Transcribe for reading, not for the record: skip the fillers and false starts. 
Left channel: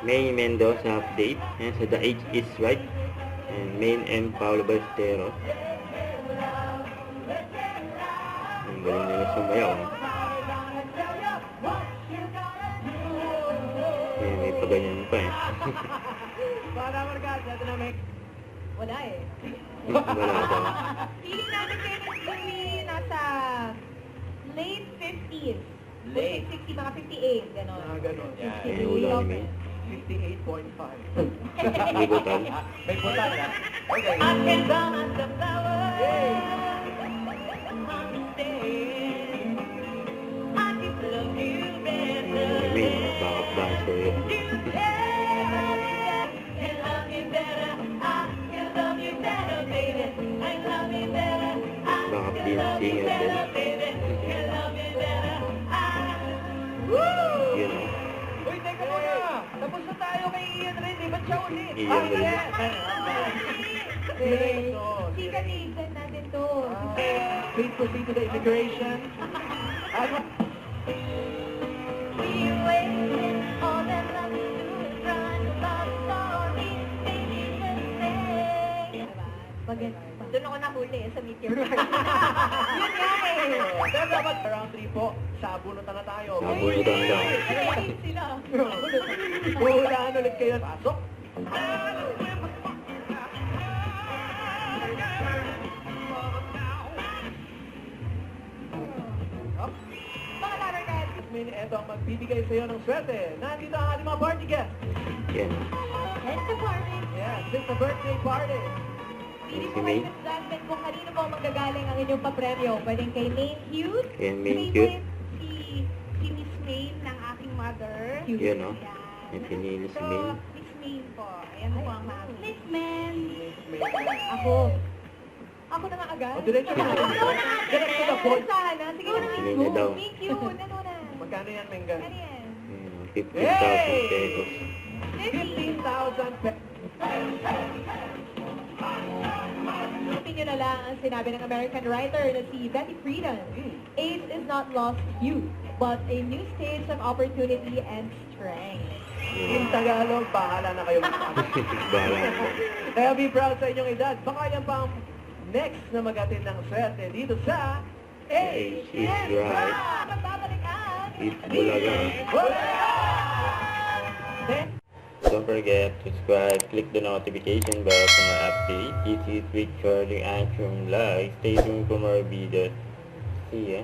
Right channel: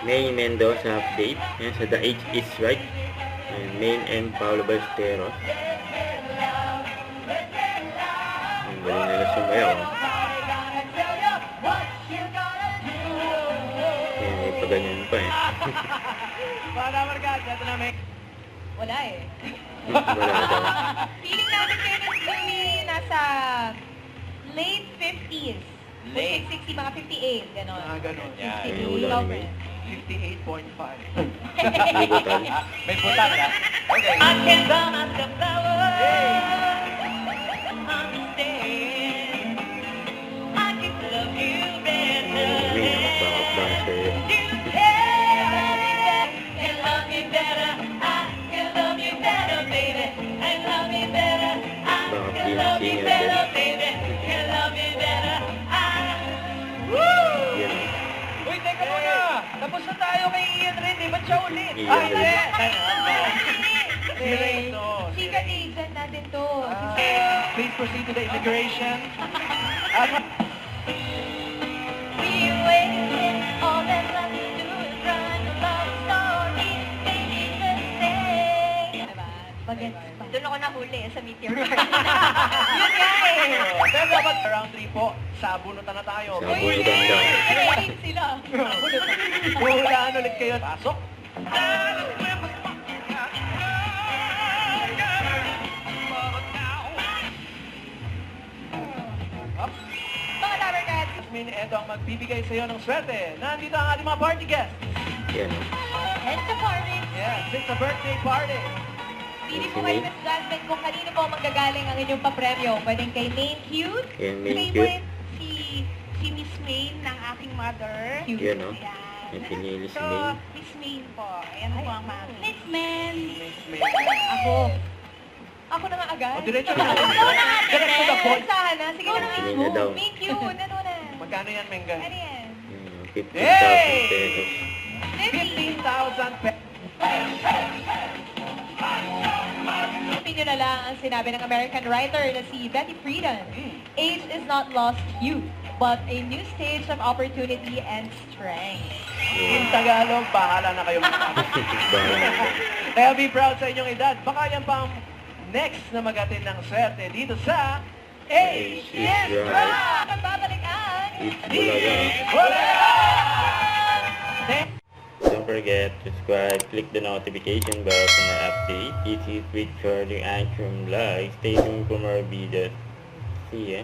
May Mendoza update. Ayan, so the age is right. And Main and Paulo Ballesteros. Ang galing nila sumayaw. Ayan, may paganyan pa eh. Para markas, ito na may... Wala eh. Wala daw. Feeling namin kayo ng Louie nasa late 50s. Late. 60, mga 58, gano'n. Ganon. Yan. 58, Ayun, wala lover. naman. 58.5. May butal. May butal ka? Okay. May nakapaka-buzzer. Baka clean singer din. Yan. Uy, teka muna! Tapos na tayo kay Ian Rin, ba't siya ulit? Ian Ay, Rin. Si Ray to. Secret agent natin to. Please proceed to the immigration. At Bagets pa. Doon ako nahuli sa meteor garden. yun nga eh! Pero dapat round 3 po, sabunutan na tayo. Sabunutan daw. Pinahit sila. Huhulaan ulit kayo. Pasok! Up. Mga lover cats. Jasmine, eto ang magbibigay sa iyo ng swerte. Nandito ang ating mga party guests. Yan. And the party. Yes, it's a birthday party. Pili Si po kayo, May. Miss Jasmine, kung kanino po manggagaling ang inyong papremyo. Pwedeng kay Maine Cute. Yan, Maine Favorite Si Miss Maine ng aking mother. Cute. Yan o. Ayan. Yan, pinili si So, Maine. Miss Maine po. Ayan po ang mami. Miss Maine. Miss May. Ako. Ako na nga agad. O, diretso na. Ako na nga. Direct to the point. Usahan na. Sige na. Sige na daw. Meet you. Ano na? Magkano yan, Mengan? Ano yan? 15,000 pesos. 15,000 pesos. Isipin nyo na lang ang sinabi ng American writer na si Betty Friedan. Age is not lost youth, but a new stage of opportunity and strength. In Tagalog, bahala na kayo magsabi. Kaya be proud sa inyong edad. Baka yan pa ang next na mag-atin ng swerte dito sa Age is right. Magbabalik ang It's Bulaga. Don't forget to subscribe, click the notification bell for more updates. This is Richard, the Antrim Live. Stay tuned for more videos. See ya.